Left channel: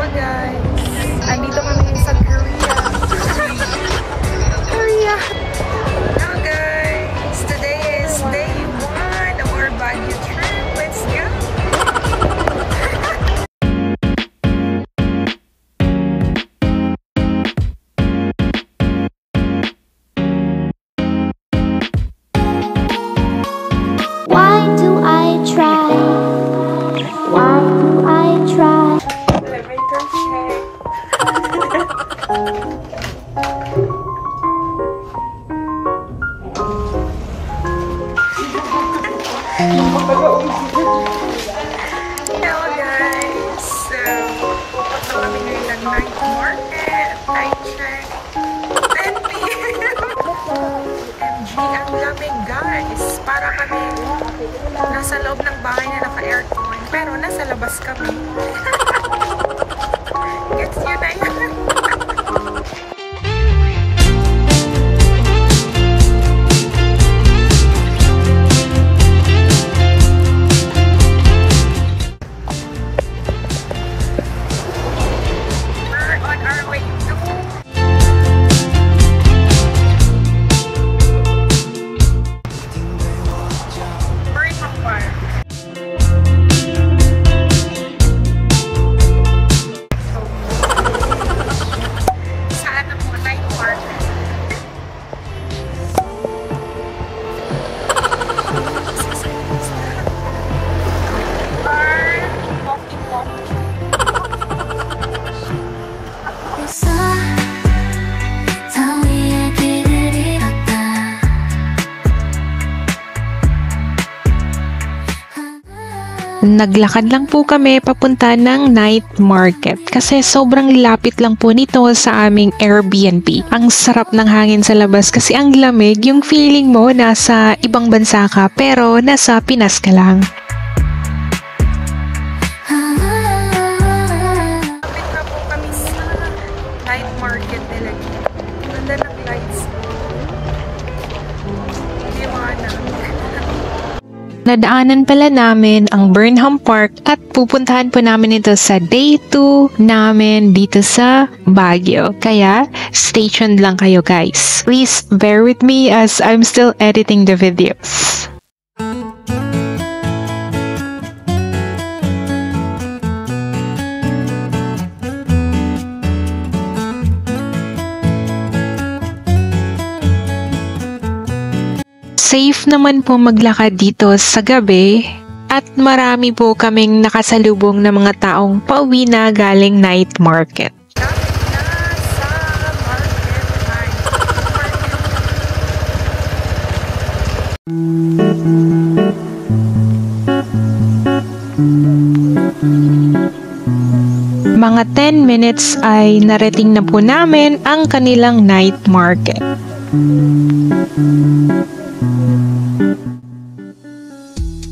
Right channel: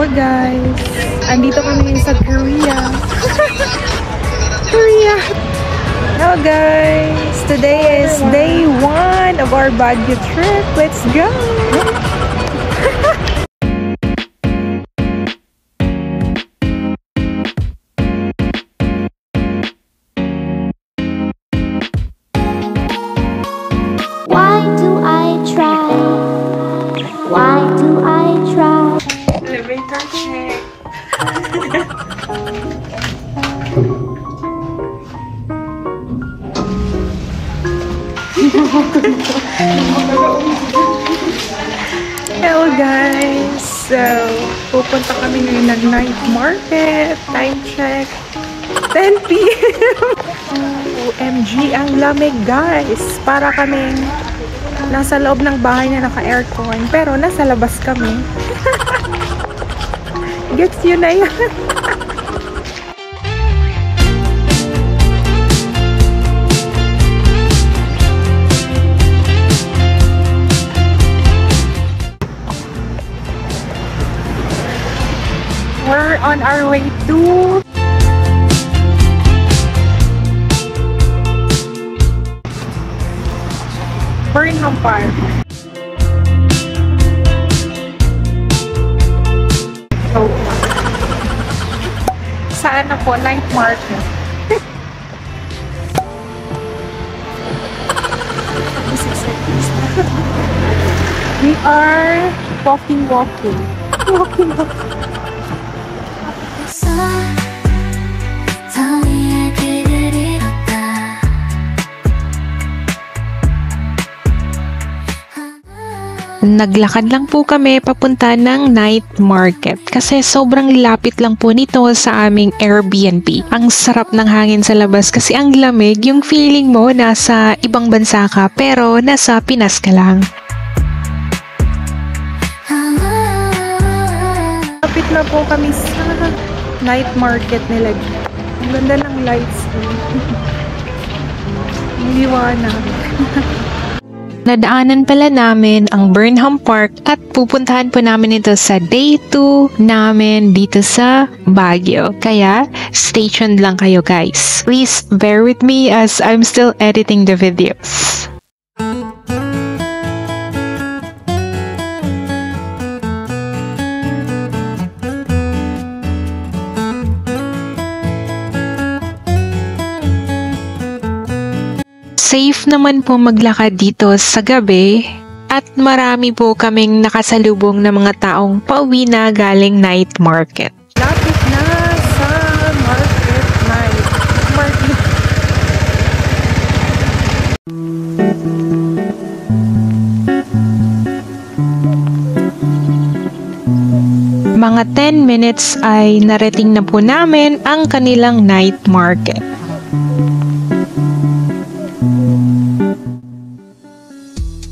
Hello guys! Andito kami ngayon sa Korea. Korea! Hello guys! Today is day 1 of our Baguio trip. Let's go! Why do I try? Why do I try? Elevator check. Hello guys! So, pupunta kami ngayon ng night market. Time check. 10 p.m. OMG, ang lamig guys. Para kaming nasa loob ng bahay na naka-aircon. Pero nasa labas kami. Gets yun na yan. We're on our way to Burnham Park. So, saan na po? Night market. We are walking. Naglakad lang po kami papunta ng night market kasi sobrang lapit lang po nito sa aming Airbnb. Ang sarap ng hangin sa labas kasi ang lamig, yung feeling mo nasa ibang bansa ka pero nasa Pinas ka lang. Lapit na po kami sa night market nila. Ang ganda ng lights. Ang liwanag. Nadaanan pala namin ang Burnham Park at pupuntahan po namin ito sa day 2 namin dito sa Baguio. Kaya, stay tuned lang kayo guys. Please bear with me as I'm still editing the videos. Safe naman po maglakad dito sa gabi at marami po kaming nakasalubong na mga taong pauwi na galing night market. Lapit na sa market night. Mga 10 minutes ay narating na po namin ang kanilang night market.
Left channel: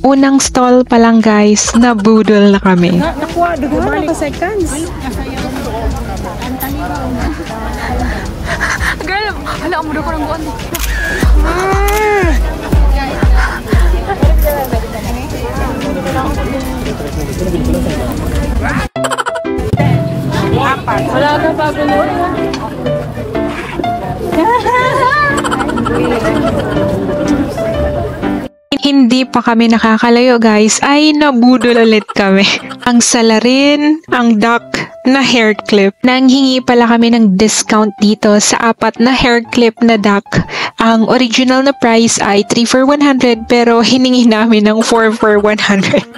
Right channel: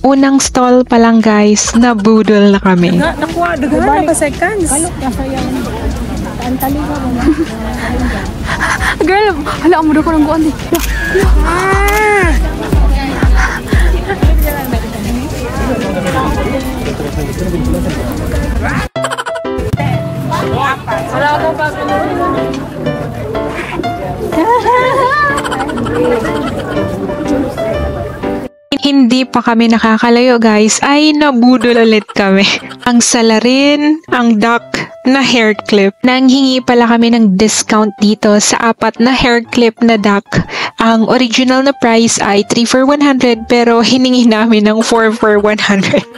Unang stall pa lang guys, nabudol na kami. Nakuha, diba? Seconds. Alok na sayang. Antali ka mo. Girl, hala, amuda ko ng guan di. Hindi pa kami nakakalayo guys, ay nabudol ulit kami. Ang salarin, ang duck na hair clip. Nanghingi pala kami ng discount dito sa 4 na hair clip na duck. Ang original na price ay 3 for 100 pero hiningi namin ng 4 for 100.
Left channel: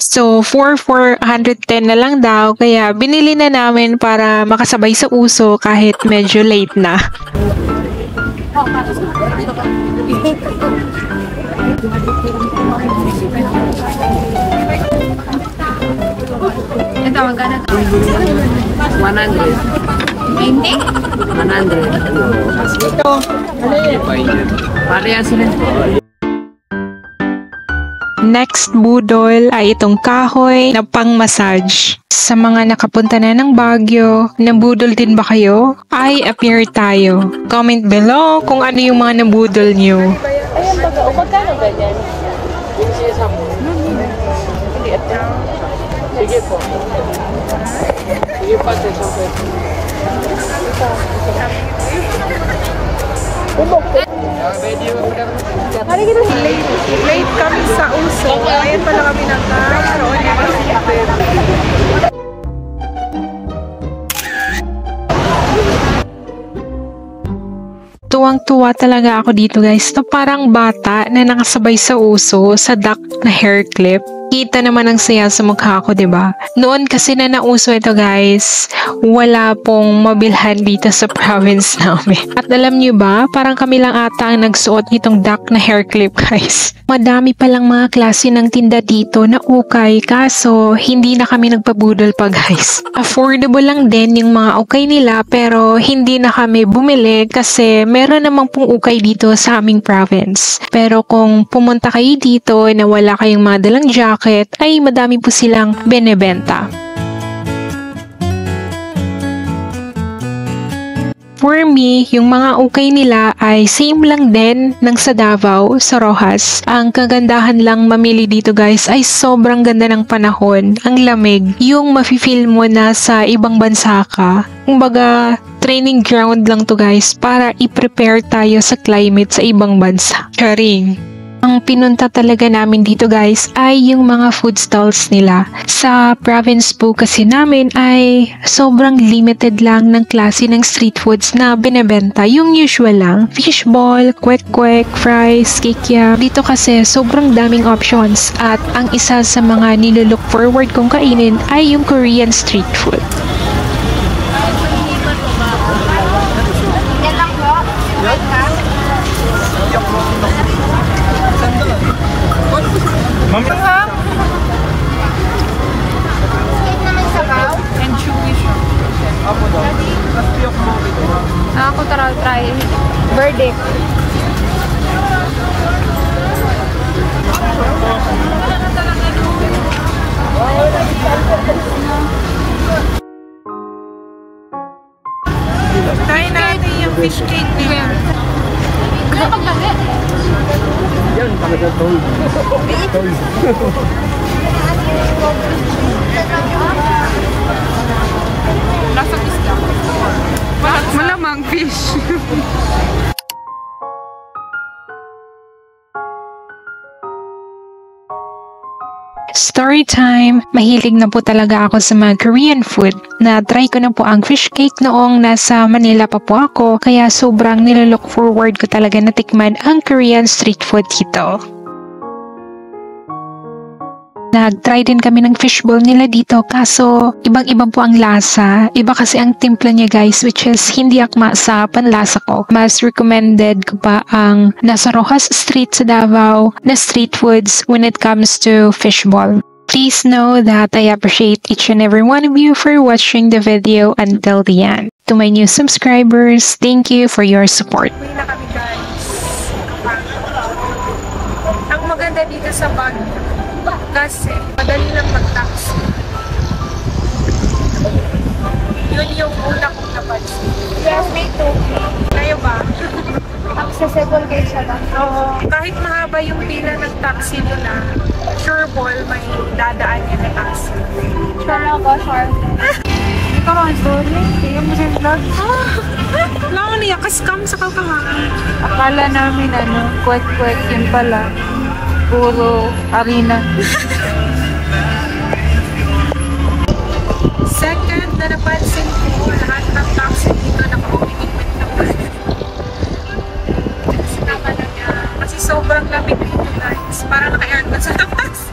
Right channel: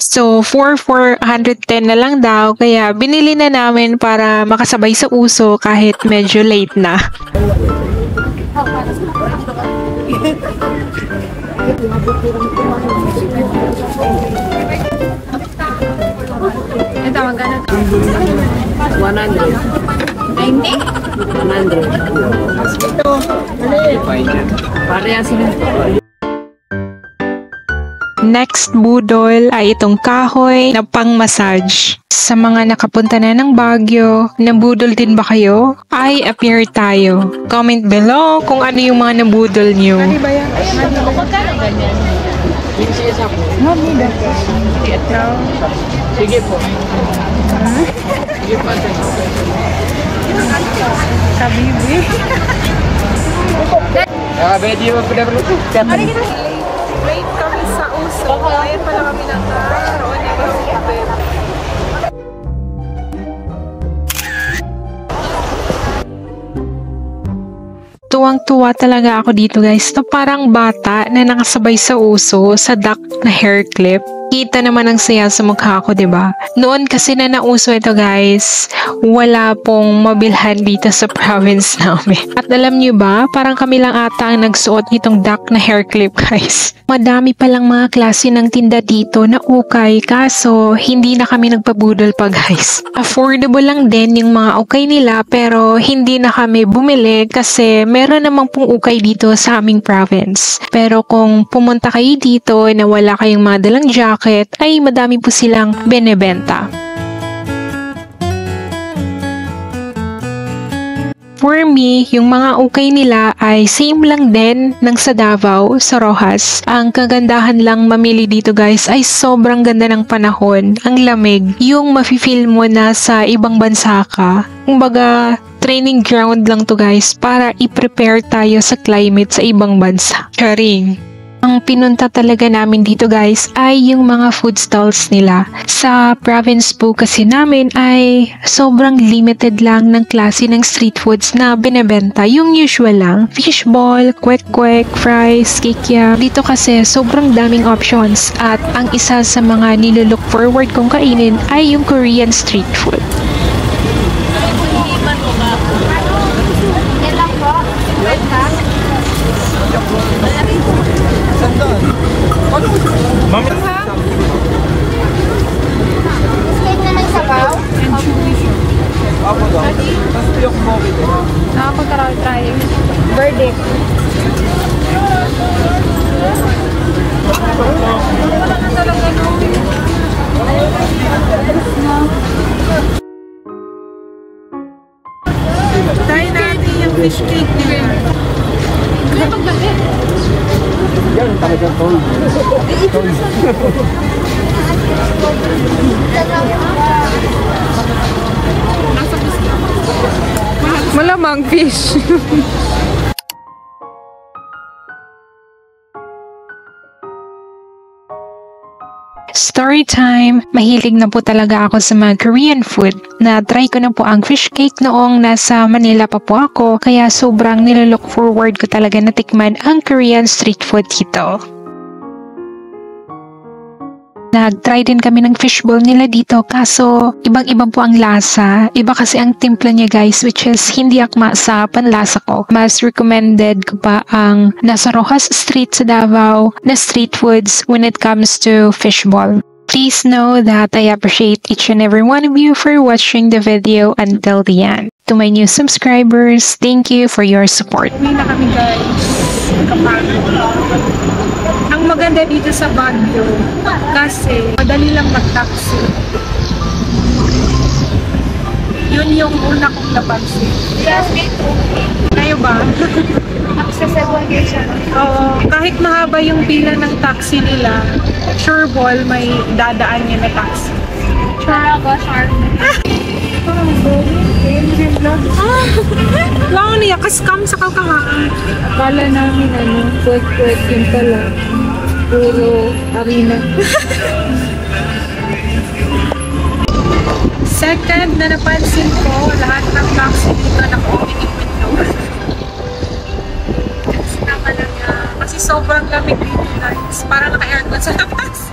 So, 4 for 110 na lang daw, kaya binili na namin para makasabay sa uso kahit medyo late na. Ito, magkano to? 100. 90? 100. Ito, pareha sila. Next budol ay itong kahoy na pang-massage. Sa mga nakapunta na ng Baguio, nabudol din ba kayo? Ay, appear tayo. Comment below kung ano yung mga nabudol nyo. Mali ba yan? Sige po. Kabibi. Late kami sa uso. Ngayon pala kami nagkaroon ng hotel. Tuwang-tuwa talaga ako dito guys na parang bata na nakasabay sa uso sa duck na hair clip. Kita naman ang saya sa mukha ko, diba? Noon kasi na nauso ito guys, wala pong mabilhan dito sa province namin. At alam nyo ba, parang kami lang ata ang nagsuot nitong duck na hair clip guys. Madami palang mga klase ng tinda dito na ukay, kaso hindi na kami nagpabudol pa guys. Affordable lang din yung mga ukay nila pero hindi na kami bumili kasi meron namang pong ukay dito sa aming province. Pero kung pumunta kayo dito na wala kayong mga dalang jacket, ay madami po silang benebenta. For me, yung mga ukay nila ay same lang din ng sa Davao, sa Rojas. Ang kagandahan lang mamili dito guys ay sobrang ganda ng panahon, ang lamig. Yung mafe-feel mo na sa ibang bansa ka. Kumbaga, training ground lang to guys para i-prepare tayo sa climate sa ibang bansa. Charing! Ang pinunta talaga namin dito guys ay yung mga food stalls nila. Sa province po kasi namin ay sobrang limited lang ng klase ng street foods na binebenta. Yung usual lang, fishball, kwek-kwek, fries, kikiam. Dito kasi sobrang daming options at ang isa sa mga nilook forward kong kainin ay yung Korean street food. Try natin yung fish cake nila. Lasang isda. Malamang fish. Story time! Mahilig na po talaga ako sa mga Korean food. Na-try ko na po ang fish cake noong nasa Manila pa po ako, kaya sobrang nilook forward ko talaga na tikman ang Korean street food dito. Nag-try din kami ng fishball nila dito kaso ibang-iba po ang lasa. Iba kasi ang timpla niya guys, which is hindi akma sa panlasa ko. Mas recommended ko pa ang nasa Rojas Street sa Davao na street foods when it comes to fishball. Please know that I appreciate each and every one of you for watching the video until the end. To my new subscribers, thank you for your support. Uwi na kami guys. Kapagod. Ang maganda dito sa Baguio kasi madali lang mag-taxi. Yun yung una kong napansin. Yes, me too. Kayo ba? Accessible kayo siya na. Oo. Kahit mahaba yung pila ng taxi nila, sure ball may dadaan niya na taxi. Sure ako, sure. Parang kaya mo siya vlog. Lang niya, kaskam sa kakahaan. Akala namin kwek-kwek yun pala. Puro arena. Second na napansin ko, lahat ng taxi dito naka-opening window. Kasi sobrang lamig dito guys. Parang naka-aircon sa labas.